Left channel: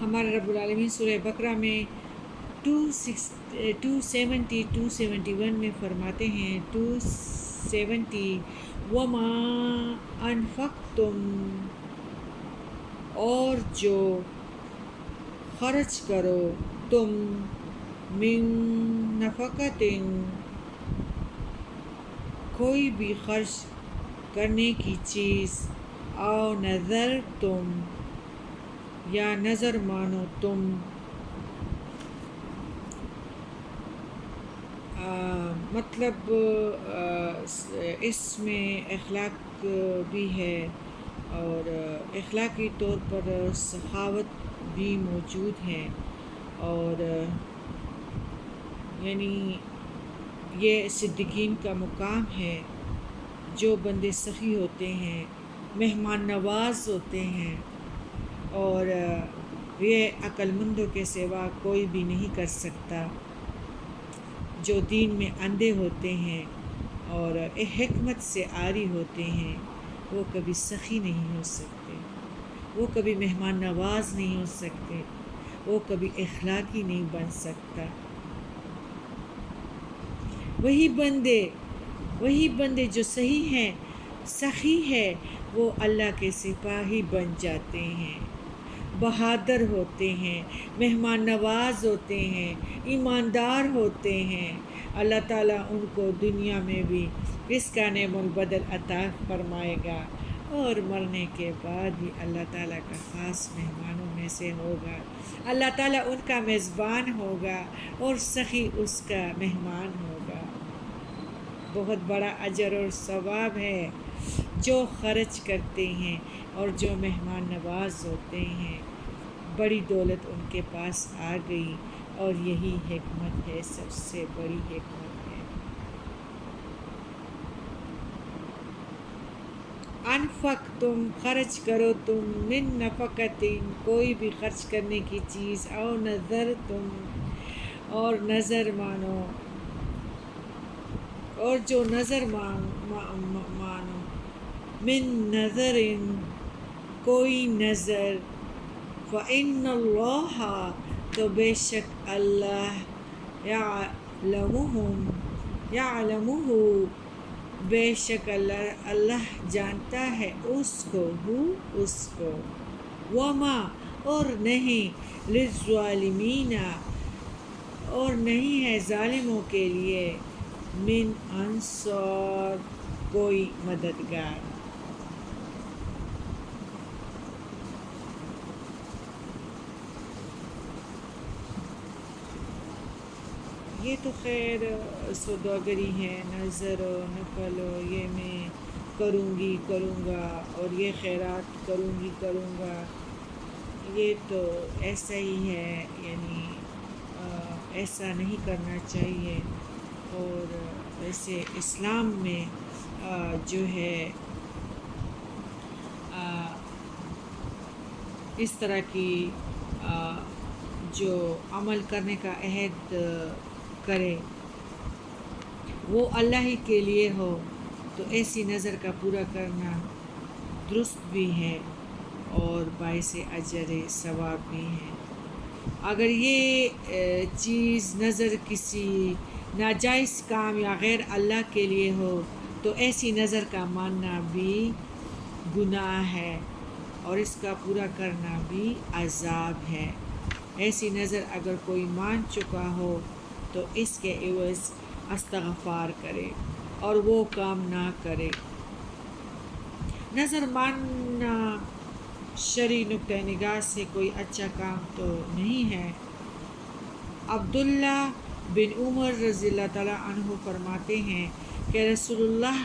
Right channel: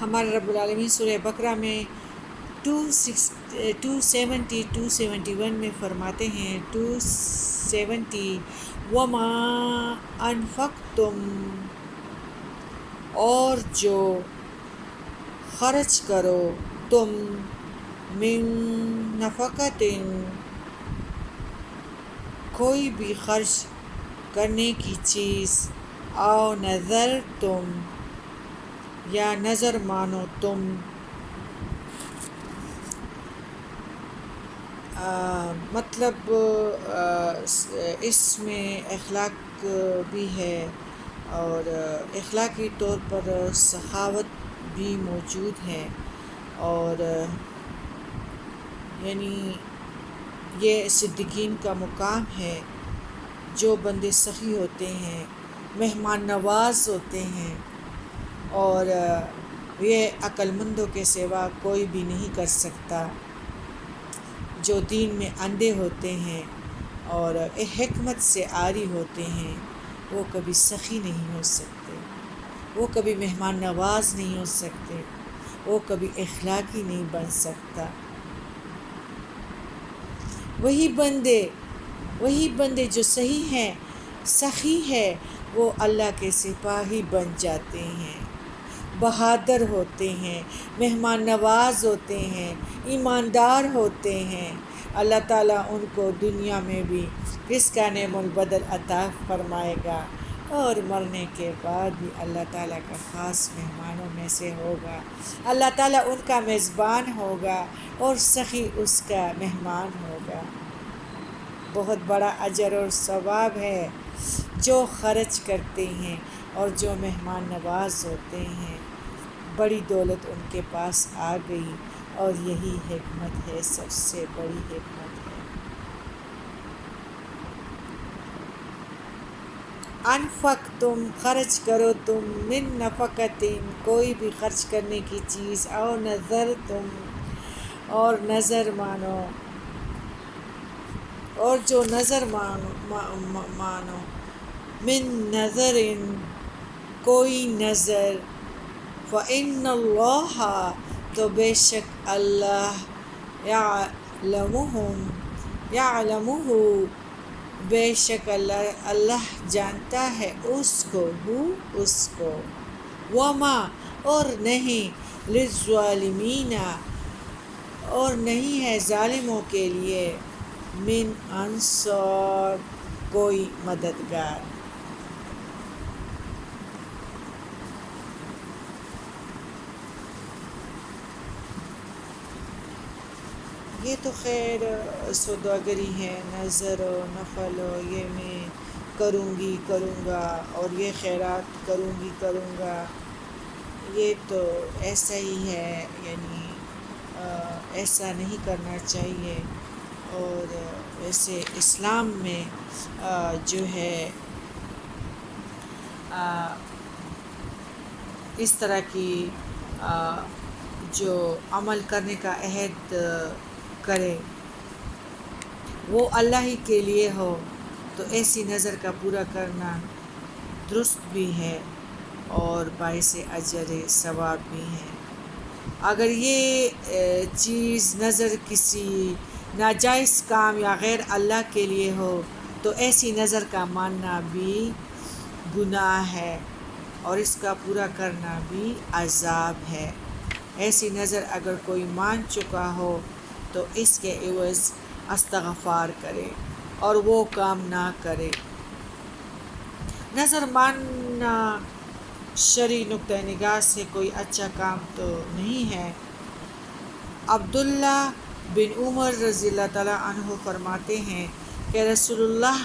ہمارے رب العالمین سورہ بقرہ میں 271 میں فرماتے ہیں 270 وما انفقتم، اور جو خرچ کرو تم من نفقۃ، کوئی بھی خرچ کرنے کی چیز، او نظر تم، یا نظر مانو تم، مطلب اس میں اخلاق بھی ہے اور اخلاقی طور پر سخاوت بھی موجود ہے، اور یعنی یہ صدیقین کا مقام ہے، جو بندے سخی ہوتے ہیں، مہمان نواز ہوتے ہیں، اور یہ عقل مندوں کے سوا کوئی بھی نہیں کر سکتا، جو دین میں اندھے ہوتے ہیں اور حکمت سے عاری ہوتے ہیں، وہ کبھی سخی نہیں ہو سکتے، وہ کبھی مہمان نواز نہیں ہو سکتے، وہ کبھی اخلاقی نہیں بن سکتا۔ وہی بندے جو صحیح ہیں، سخی ہے، وہ اللہ کے سپاہی بن جاتے ہیں، بہادر ہوتے ہیں، مہمان نواز ہوتے ہیں، ایماندار ہوتے ہیں۔ اللہ تعالیٰ ان کو دنیا میں بھی اس کا نعم البدل عطا فرمائے گا، اور مرنے کے بعد بھی اللہ تعالیٰ کا خاص مہمانوں میں سے ہوگا، اللہ تعالیٰ ان کا میزبان ہوگا اور سخی اس کا مہمان ہوگا۔ بہت بڑا اجر اور ثواب ہے جو خرچ کرتے ہیں اور جو مہمان نواز ہوتے ہیں، بڑی دولت ان کے پاس آ گئی، اور یہی حکمت ہے، سب سے بڑی حکمت ہے۔ انفقتم، خرچ کرو تم، من نفقۃ، کوئی بھی خرچ کرنے کی چیز، او نظر تم، اور نظر مانو، اور جو نظر مانو، من نظر، کوئی نظر، فإن اللہ، تو بے شک اللہ، یعلمہ، بے شک اللہ جانتا ہے اس کو، وما، اور نہیں، للظالمین، اور نہیں ہے ظالموں کے لیے، من انصار، کوئی مددگار۔ یہ تو خیر سوداگری ہے، نظر و نفل و یہ میں کروں گا، اور یہ خیرات کروں گا، یہ تو ایسا ہی ہے، یعنی ایسا نہیں کرنا چاہیے۔ اور ویسے اسلام میں جو ہے اس طرح کی جو عمل کرنے کا عہد کرے وہ اللہ ہی کے لیے ہو، تو ایسی نظر کا پورا کرنا درست بھی ہے اور باعث اجر ثواب بھی ہے۔ اگر یہ چیز نظر کسی ناجائز کام یا غیر اللہ کے لیے ہو، تو ایسی نظر کا ماننا بھی گناہ ہے، اور اس کا پورا کرنا بھی عذاب ہے۔ ایسی نظر اگر کوئی مان چکا ہو تو اس کے عوض استغفار کرے اور وہ کام نہ کرے۔ نظر ماننا شرعی نقطہ نگاہ سے کوئی اچھا کام تو نہیں ہے۔ عبداللہ بن عمر رضی اللہ تعالیٰ عنہ فرماتے ہیں کہ رسول اللہ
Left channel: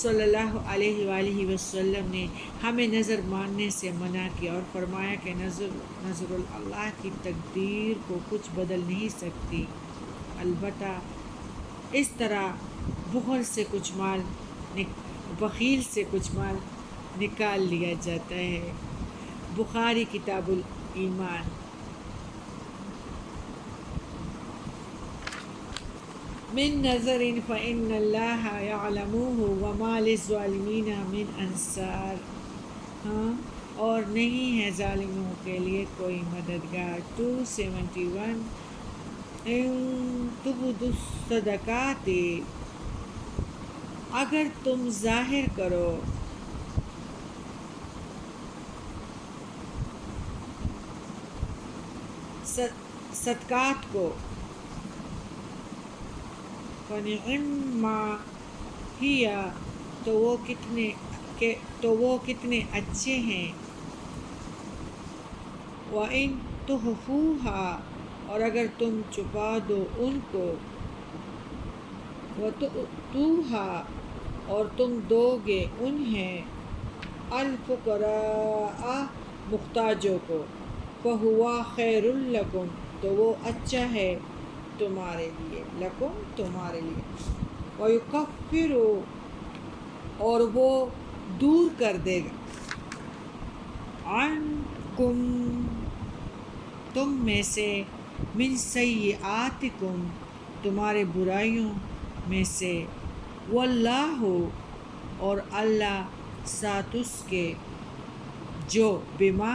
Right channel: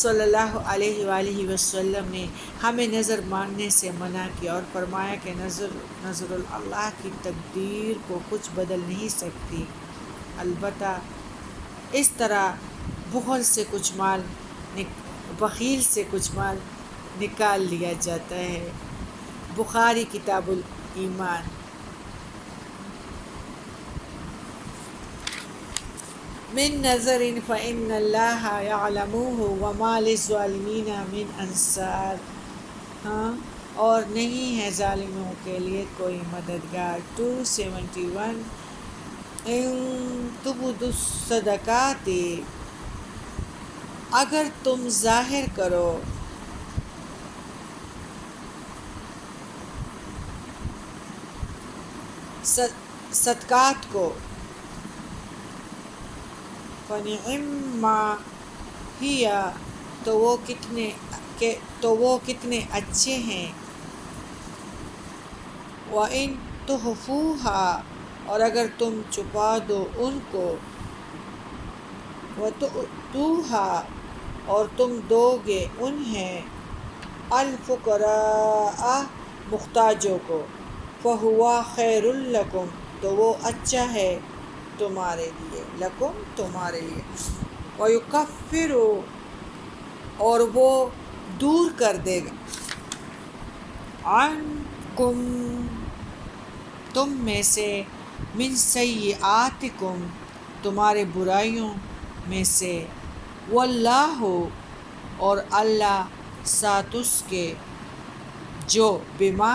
صلی اللہ علیہ وآلہ وسلم نے ہمیں نظر ماننے سے منع کیا اور فرمایا کہ نظر اللہ کی تقدیر کو کچھ بدل نہیں سکتی، البتہ اس طرح بخیل سے کچھ مال نکال لیا جاتا ہے۔ بخاری کتاب الایمان۔ من نظر فإن اللہ یعلمہ وما للظالمین من انصار، اور نہیں ہے ظالموں کے لیے کوئی مددگار۔ 271 ان تبدوا الصدقات، اگر تم ظاہر کرو صدقات کو، فنعما ہی، تو وہ کتنے اچھے ہیں۔ وَإِن تُخْفُوهَا، اور اگر تم چھپا دو ان کو، وَتُؤْتُوهَا، اور تم دو گے انہیں، الفقراء، محتاجوں کو، فَهُوَ خَيْرٌ لَكُمْ، تو وہ اچھا ہے تمہارے لیے، لکم تمہارے لیے۔ وَيُكَفِّرُ، اور وہ دور کر دے گا، عنکم، تم میں سے، من سیئاتکم، تمہارے برائیوں میں سے، واللہ، اور اللہ، ساتھ اس کے جو، بما،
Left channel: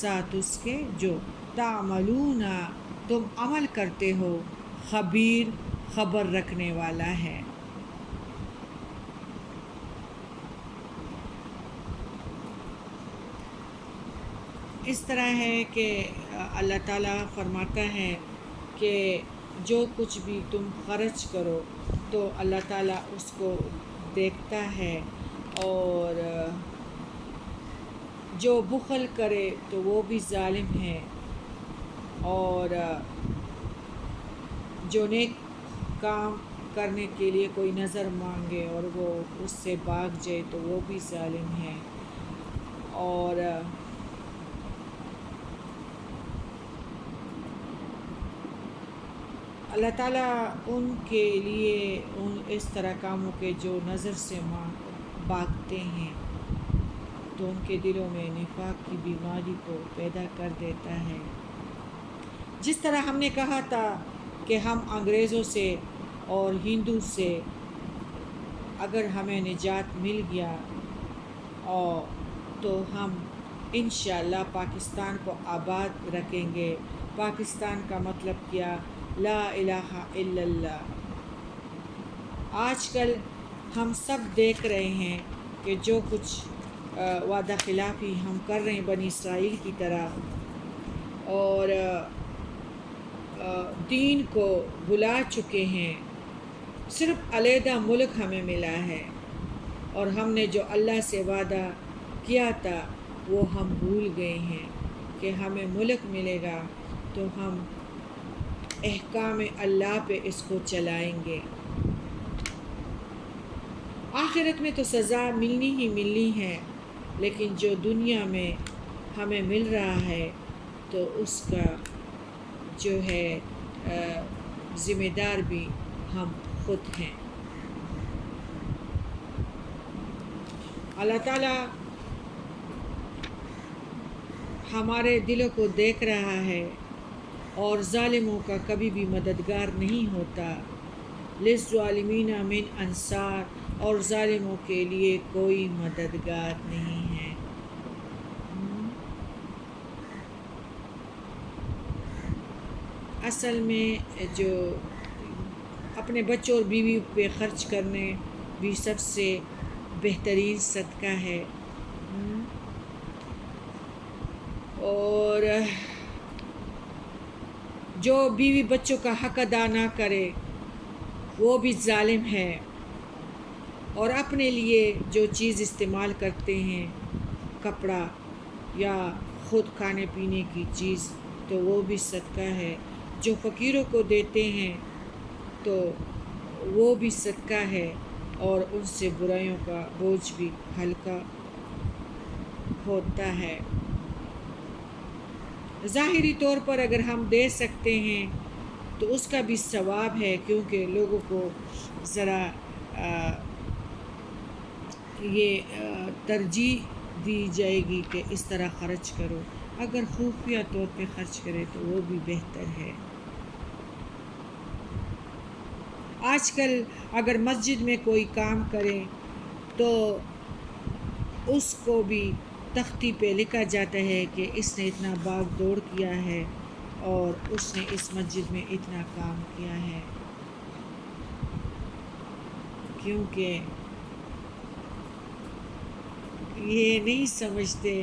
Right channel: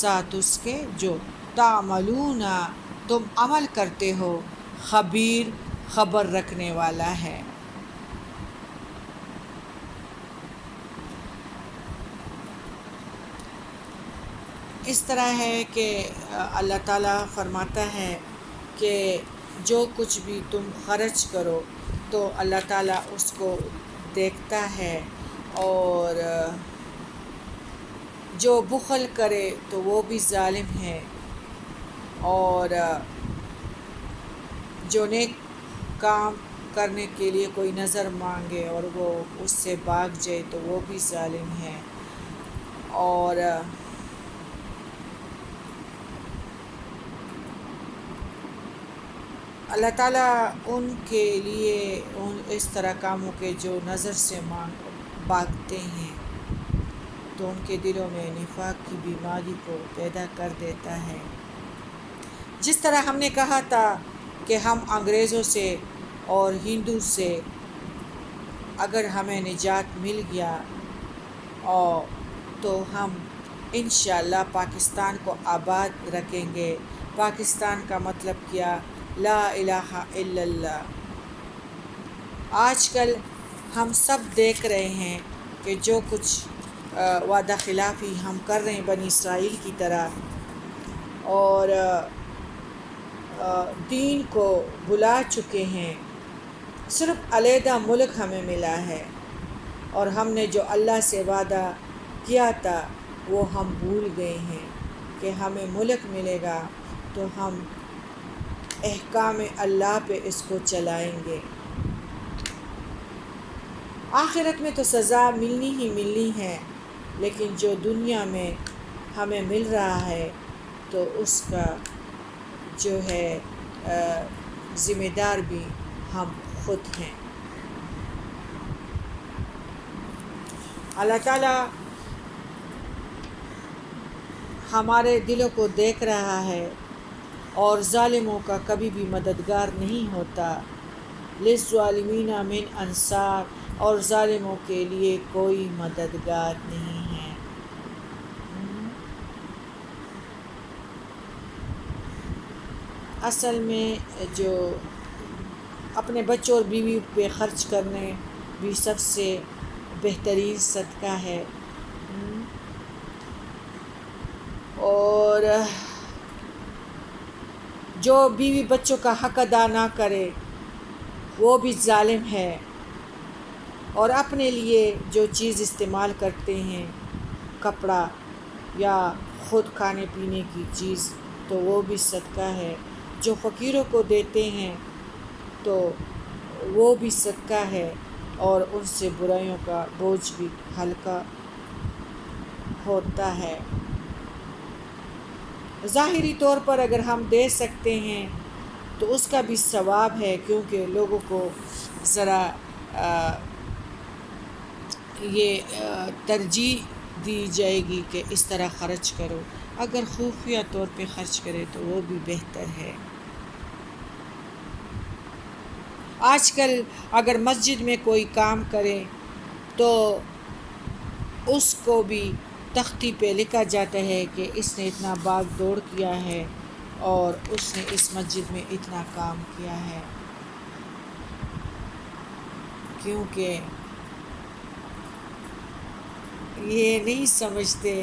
ساتھ اس کے جو، تعملون، تم عمل کرتے ہو، خبیر، خبر رکھنے والا ہے۔ اس طرح ہے کہ اللہ تعالیٰ فرماتا ہے کہ جو کچھ بھی تم خرچ کرو تو اللہ تعالیٰ اس کو دیکھتا ہے، اور جو بخل کرے تو وہ بھی ظالم ہے، اور جو نیک کام کرنے کے لیے کوئی نظر مانگے اور وہ اس سے بھاگ جائے تو وہ بھی ظالم ہے۔ اور اللہ تعالیٰ ان کے لیے اس طرح کاموں کے جو نظر سے بھاگتے ہیں تو ان کے دلوں میں نفاق کی بیماری کو پیدا کر دیتا ہے۔ جس طرح ہم نے کہا تھا کہ ہم انگریزوں سے اور ہندو سے اگر ہمیں نجات مل گیا تو ہم انشاءاللہ پاکستان کو آباد رکھیں گے۔ پاکستان کا مطلب کیا؟ لا الہ الا اللہ۔ آج کل ہم سب دیکھ رہے ہیں کہ جو کچھ وعدہ خلافی ہم کر رہے ہیں بنی اسرائیل کی طرح، اور دین کو بھلا چکے ہیں۔ صرف علیحدہ ملک ہمیں ملا ہے، اور ہم نے جو اللہ سے وعدہ کیا تھا وہ ہم بھول گئے ہیں کہ ہمیں ملک ملے گا تو ہم احکام اللہ پہ اس کو چلائیں گے۔ آخرت میں تو سزا ملنی ہی ملنی ہے، لیکن جو دنیا میں ہمیں مل رہا ہے تو اس کا جو ہے ذمہ دار بھی ہم خود ہیں۔ اللہ تعالیٰ ہمارے دلوں کو دیکھ رہا ہے، اور ظالموں کا کبھی بھی مددگار نہیں ہوتا۔ للظالمین من انصار، اور ظالموں کے لیے کوئی مددگار نہیں ہے۔ اصل میں جو اپنے بچوں اور بیوی پہ خرچ کرنے بھی سب سے بہترین صدقہ ہے، اور جو بیوی بچوں کا حق ادا نہ کرے وہ بھی ظالم ہے، اور اپنے لیے جو چیز استعمال کرتے ہیں، کپڑا یا خود کھانے پینے کی چیز، تو وہ بھی صدقہ ہے۔ جو فقیروں کو دیتے ہیں تو وہ بھی صدقہ ہے، اور ان سے برائیوں کا بوجھ بھی ہلکا ہوتا ہے۔ ظاہری طور پر اگر ہم دے سکتے ہیں تو اس کا بھی ثواب ہے، کیونکہ لوگوں کو ذرا یہ ترجیح دی جائے گی کہ اس طرح خرچ کرو۔ اگر خفیہ طور پہ خرچ کرے تو وہ بھی بہتر ہے۔ آج کل اگر مسجد میں کوئی کام کرے تو اس کو بھی تختی پہ لکھا جاتا ہے کہ اس نے اتنا باغ دوڑ کیا ہے اور اس نے اس مسجد میں اتنا کام کیا ہے، کیونکہ یہ نہیں سمجھتے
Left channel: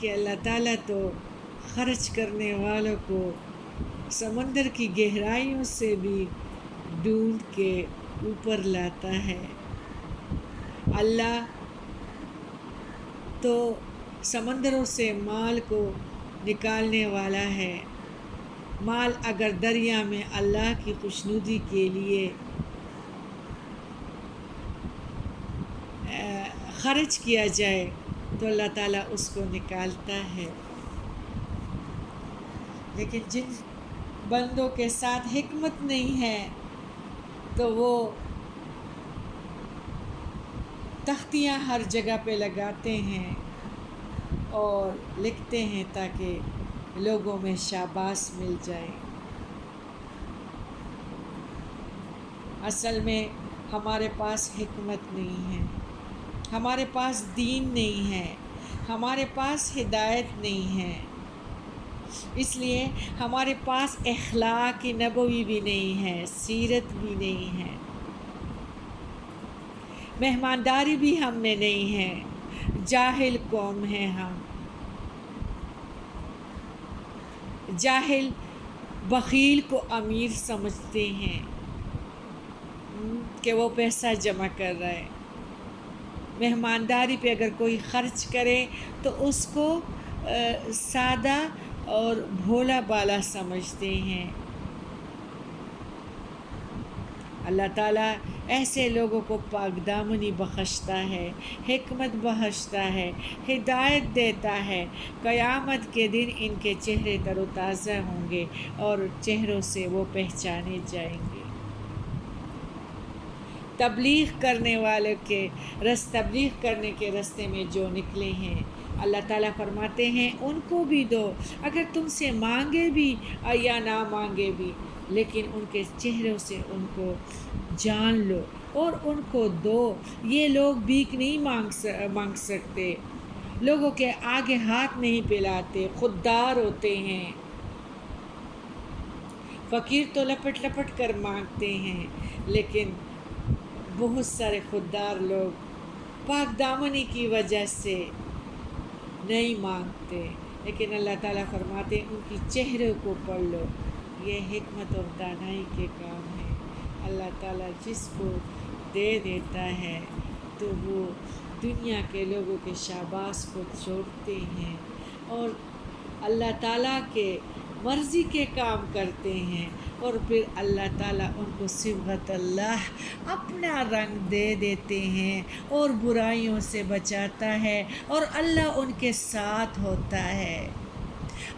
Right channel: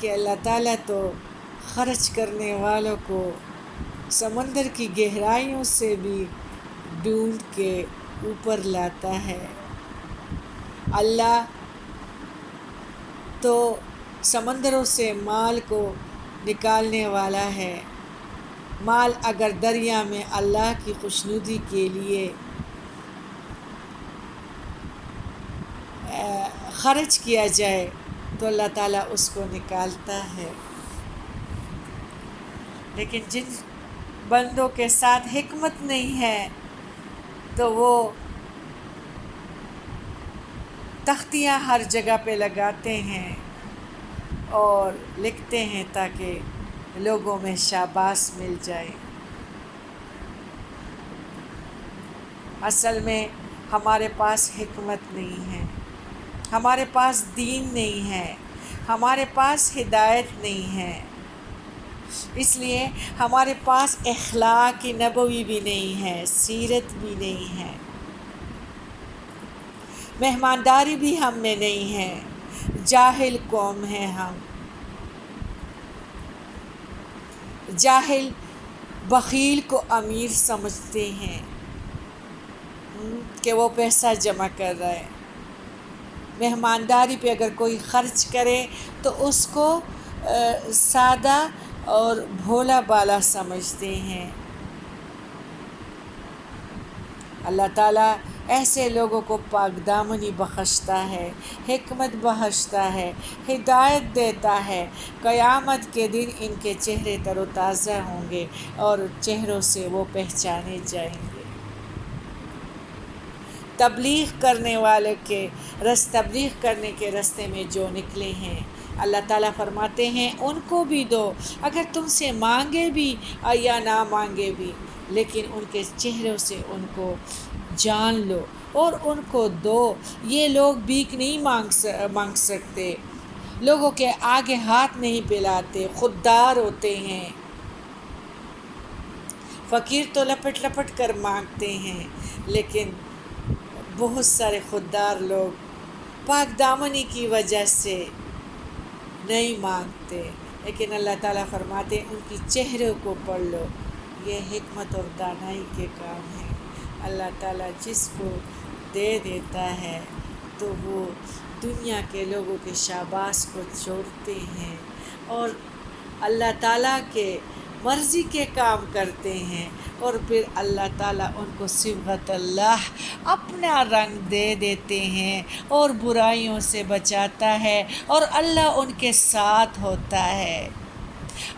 کہ اللہ تعالیٰ تو خرچ کرنے والوں کو سمندر کی گہرائیوں سے بھی ڈھونڈ کے اوپر لاتا ہے۔ اللہ تو سمندروں سے مال کو نکالنے والا ہے۔ مال اگر دریا میں اللہ کی خوشنودی کے لیے خرچ کیا جائے تو اللہ تعالیٰ اس کو نکالتا ہے، لیکن جن بندوں کے ساتھ حکمت نہیں ہے تو وہ تختیاں ہر جگہ پہ لگاتے ہیں اور لکھتے ہیں تاکہ لوگوں میں شاباش مل جائے۔ اصل میں ہمارے پاس حکمت نہیں ہے، ہمارے پاس دین نہیں ہے، ہمارے پاس ہدایت نہیں ہے، اس لیے ہمارے پاس اخلاق نبوی بھی نہیں ہے، سیرت بھی نہیں ہے، مہمانداری بھی ہم میں نہیں ہے، جاہل قوم ہے ہم۔ جاہل بخیل کو امیر سمجھتے ہیں کہ وہ پیسہ جمع کر رہا ہے، مہمانداری پہ اگر کوئی خرچ کرے تو اس کو سادہ اور بھولا بالا سمجھتے ہیں۔ اللہ تعالیٰ ایسے لوگوں کو پاک دامنی بخشتا ہے، حکمت بخشتا ہے، ہدایت دیتا ہے۔ قیامت کے دن ان کے چہرے تر و تازہ ہوں گے اور چہروں سے وہ پہچانے جائیں گے۔ تبلیغ کرنے والے تبلیغ کرنے کے راستے میں جو نکلے ہیں، اللہ تعالیٰ فرماتے ہیں ان کو بھی دو، اگر تم سے مانگے بھی یا نہ مانگے بھی، لیکن ان کے چہروں سے ان کو جان لو اور ان کو دو۔ یہ لوگ بھیک نہیں مانگ سکتے، لوگوں کے آگے ہاتھ نہیں پھیلاتے، خوددار ہوتے ہیں۔ فقیر تو لپٹ لپٹ کر مانگتے ہیں، لیکن بہت سارے خوددار لوگ پاک دامنی کی وجہ سے نہیں مانگتے، لیکن اللہ تعالیٰ فرماتے ہیں ان کی چہروں کو پڑھ لو۔ یہ حکمت اور دانائی کے کام ہے۔ اللہ تعالیٰ جس کو دے دیتا ہے تو وہ دنیا کے لوگوں کے شاباش کو چھوڑتے ہیں اور اللہ تعالیٰ کے مرضی کے کام کرتے ہیں، اور پھر اللہ تعالیٰ ان کو صبغت اللہ اپنا رنگ دے دیتے ہیں اور برائیوں سے بچاتا ہے، اور اللہ ان کے ساتھ ہوتا ہے۔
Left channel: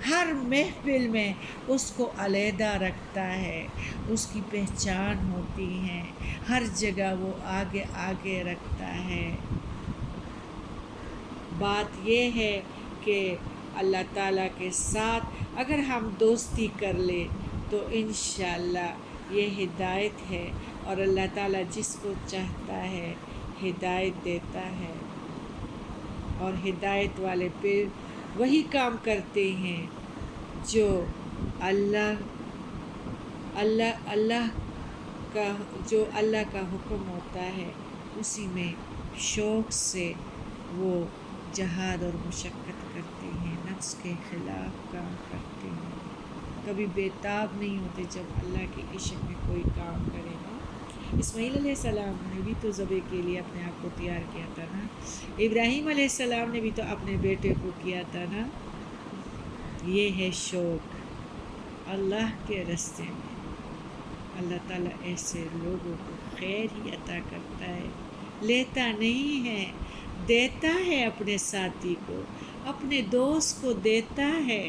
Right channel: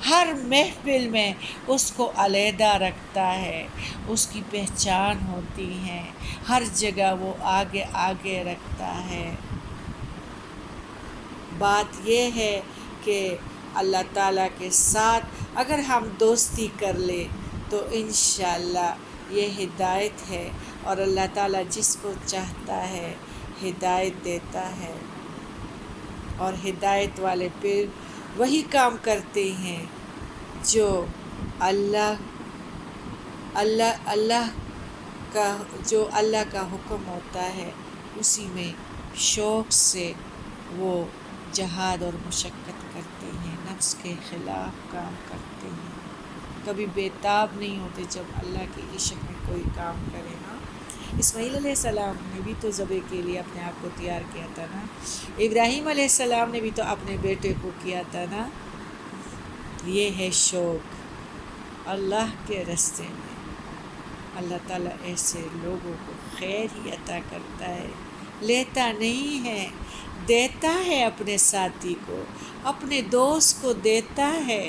ہر محفل میں اس کو علیحدہ رکھتا ہے، اس کی پہچان ہوتی ہے، ہر جگہ وہ آگے آگے رکھتا ہے۔ بات یہ ہے کہ اللہ تعالیٰ کے ساتھ اگر ہم دوستی کر لیں تو انشاءاللہ یہ ہدایت ہے، اور اللہ تعالیٰ جس کو چاہتا ہے ہدایت دیتا ہے، اور ہدایت والے پھر وہی کام کرتے ہیں جو اللہ کا حکم ہوتا ہے، اسی میں شوق سے وہ جہاد اور مشقت کرتے ہیں، نفس کے خلاف کام کرتے ہیں، کبھی بےتاب نہیں ہوتے جب اللہ کے عشق میں کوئی کام کرے گا۔ اسماعیل علیہ السلام نے بھی تو ذبح کے لیے اپنے آپ کو تیار کیا تھا نا، ابراہیم علیہ السلام نے بھی تو اپنے بیٹے کو کیا تھا نا۔ یہ ہے شوق اللہ کے راستے میں۔ اللہ تعالیٰ ایسے لوگوں کو خیر ہی عطا کرتا ہے، لیتا نہیں ہے، دیتا ہے، اپنے ساتھی کو، اپنے دوست کو دیتا ہے۔